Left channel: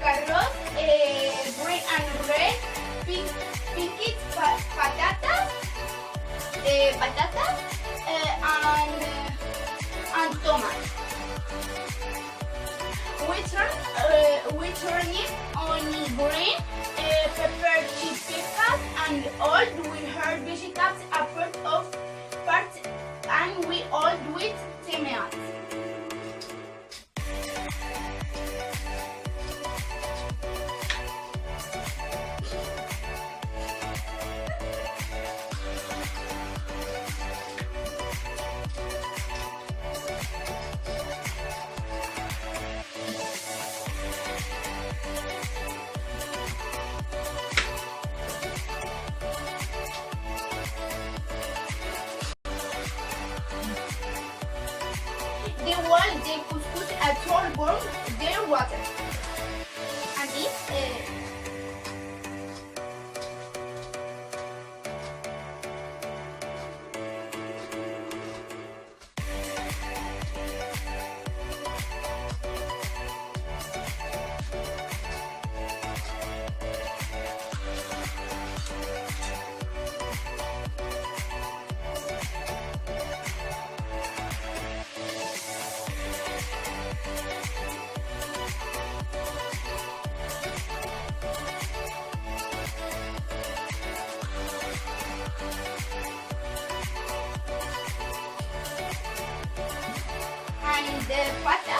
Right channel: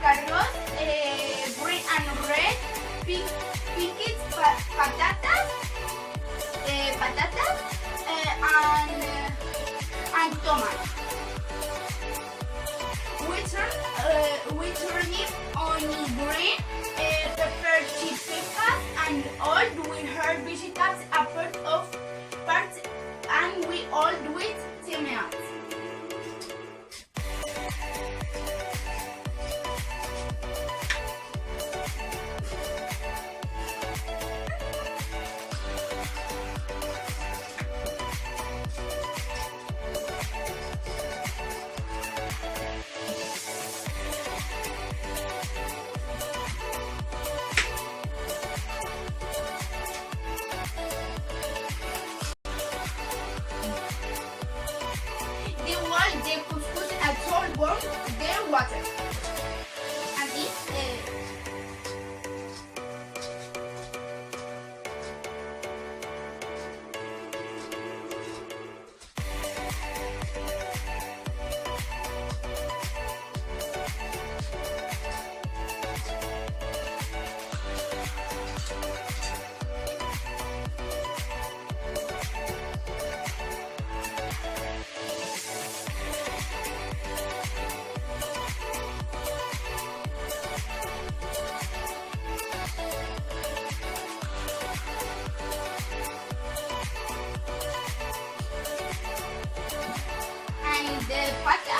carrots, green and red, pinky patatas, and tomatoes. We turn it on green, pepper, peppers, and all we heard vegetables are part of parts, and we all do it 10 minutes. The couscous at all warm their water. And this and the pata.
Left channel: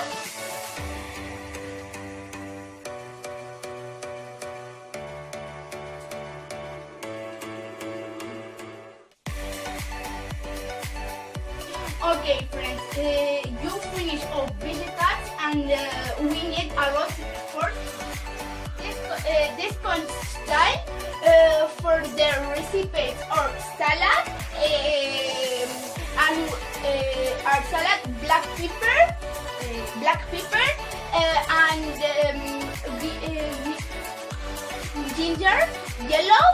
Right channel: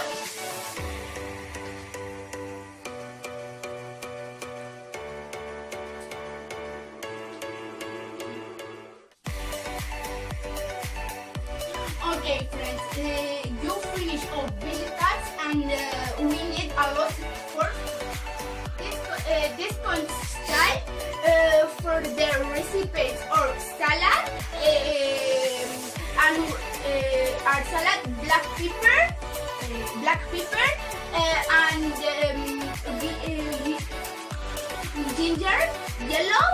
Okay, friends, you finish all vegetables, and we need a lot for this concept for the recipes or salad. Our salad, black pepper, and ginger, yellow,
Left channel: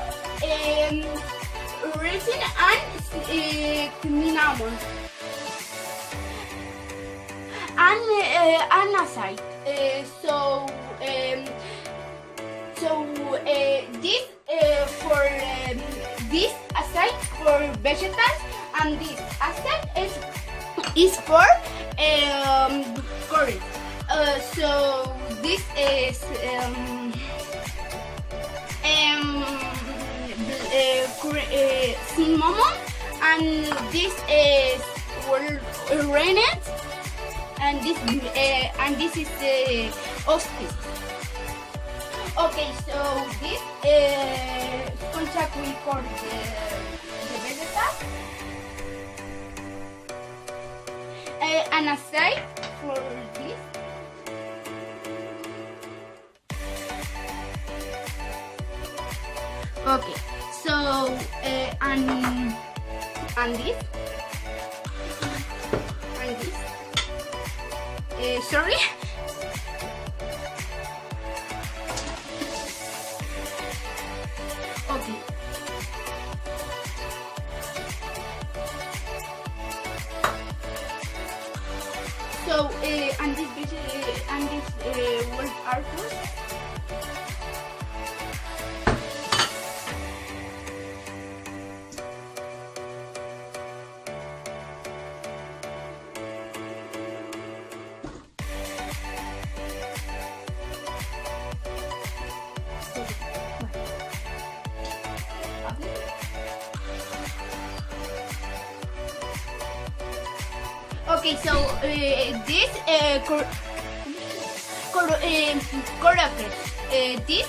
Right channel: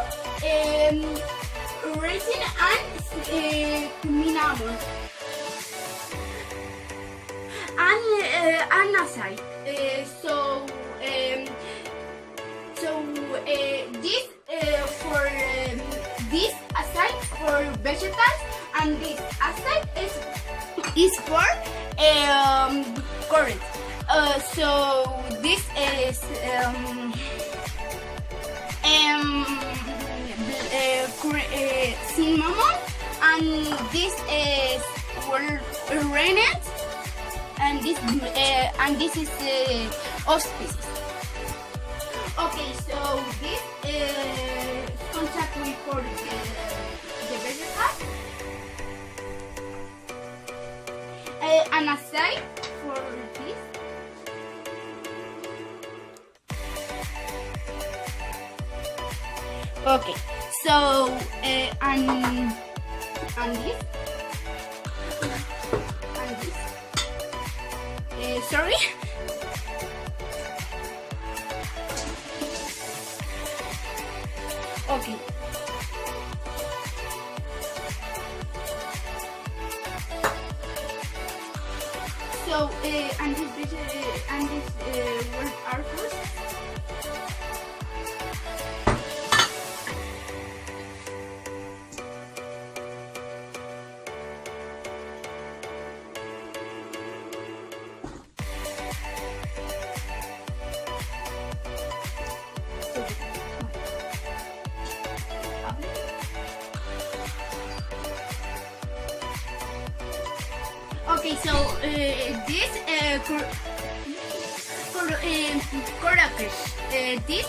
raisin, and cinnamon, and aside. This for this aside for vegetables, and this aside is for curry. So this is cinnamon, and this is rennet, and this is auspices. Okay, so this contact me for the vegetable, and aside for this. Okay, so and this, sorry. Okay. So and this words are good. Okay, so this this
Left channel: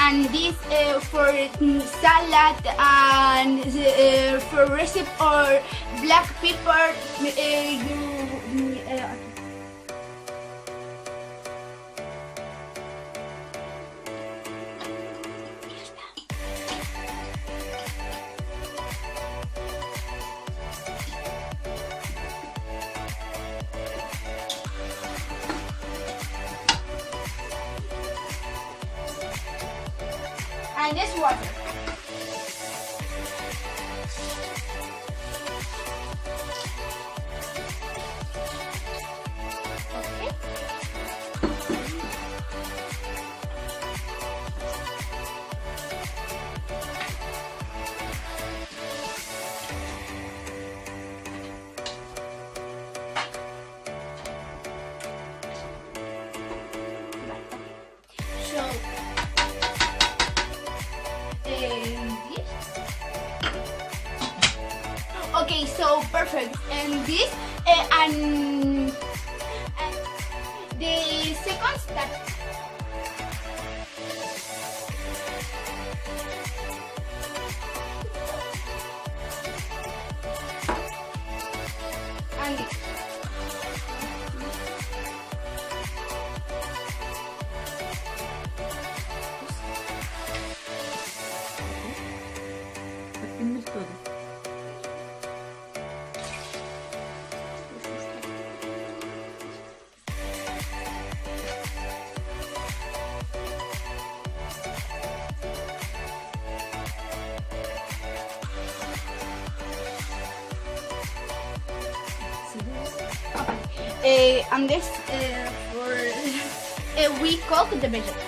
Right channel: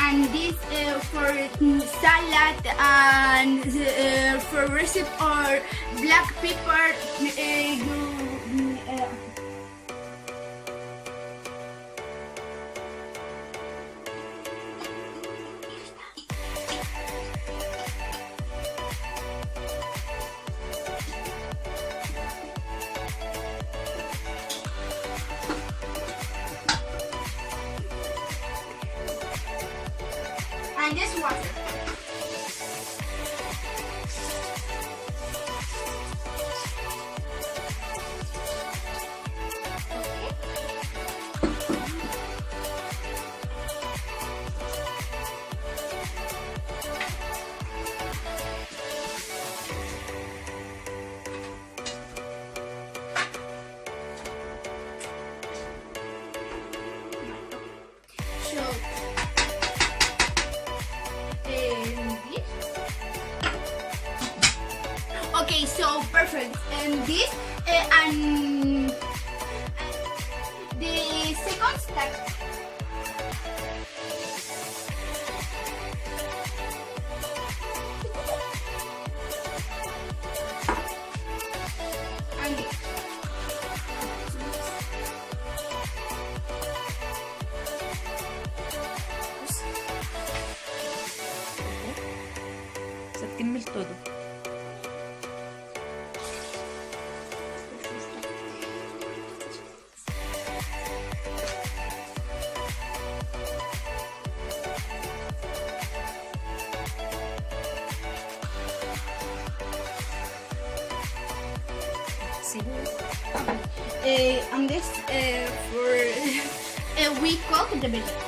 and this for salad, and for recipe or black pepper, and this water. this and the second step. And كمل todo. and this for we cook the vegetables.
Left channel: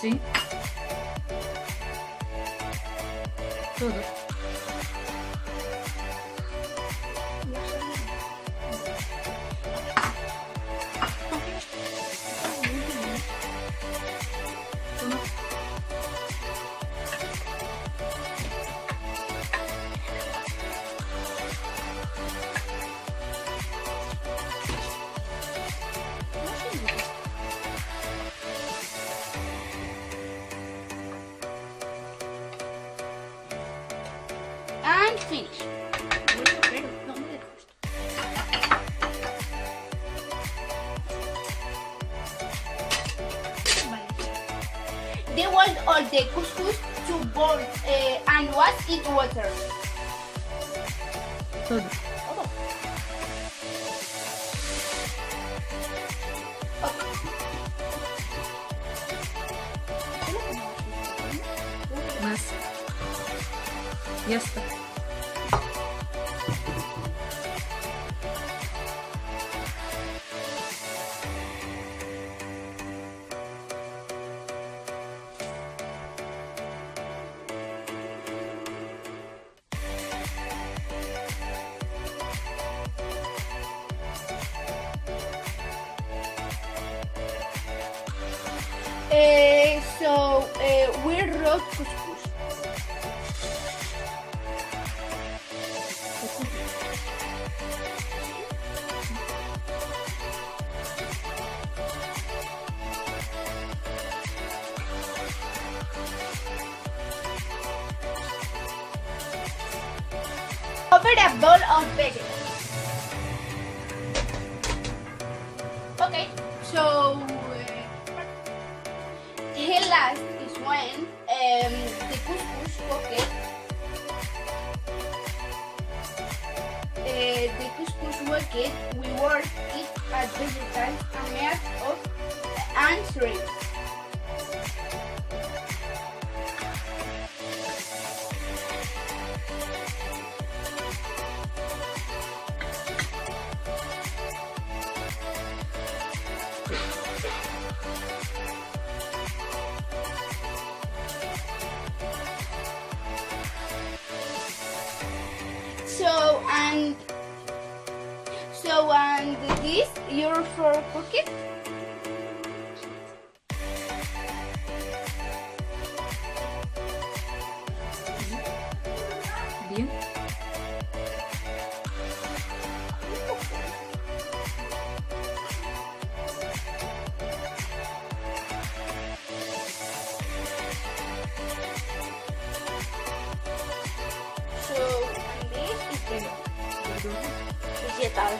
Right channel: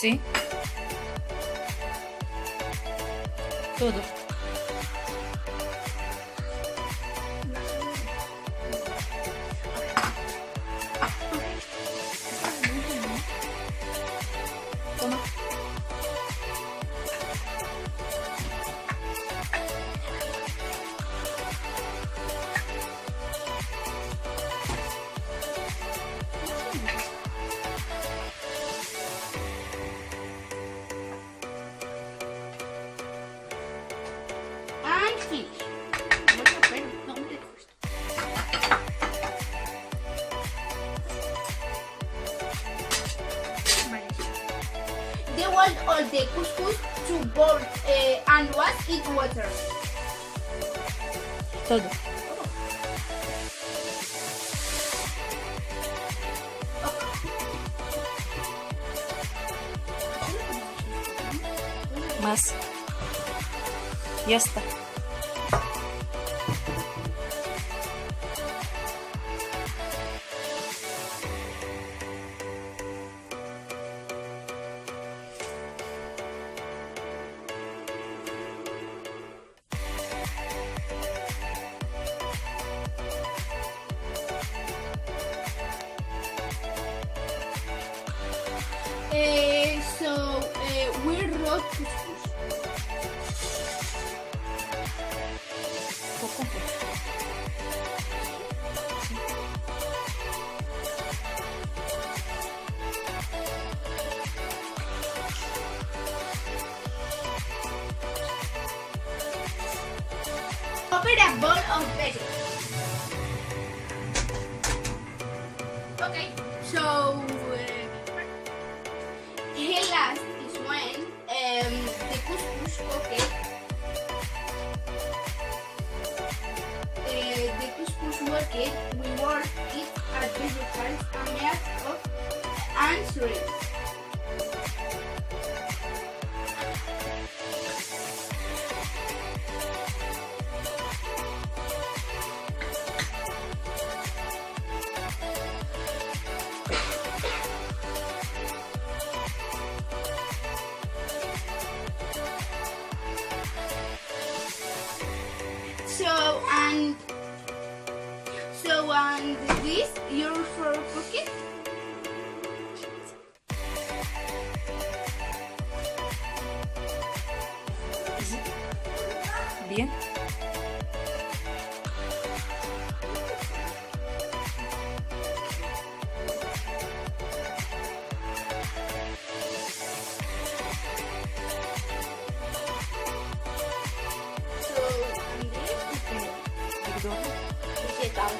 Sí. Todo. Toma. And finish. No me dejes. Vale. They want all the couscous to boil and wash it water. Todo. Más. Ya está. So we wrote couscous. Over a bowl of vegetables. Okay, so here last is when the couscous cooked. The couscous cooked, we work it as vegetables and made of and shrimp. And this you're for cooking. Bien. So and this is the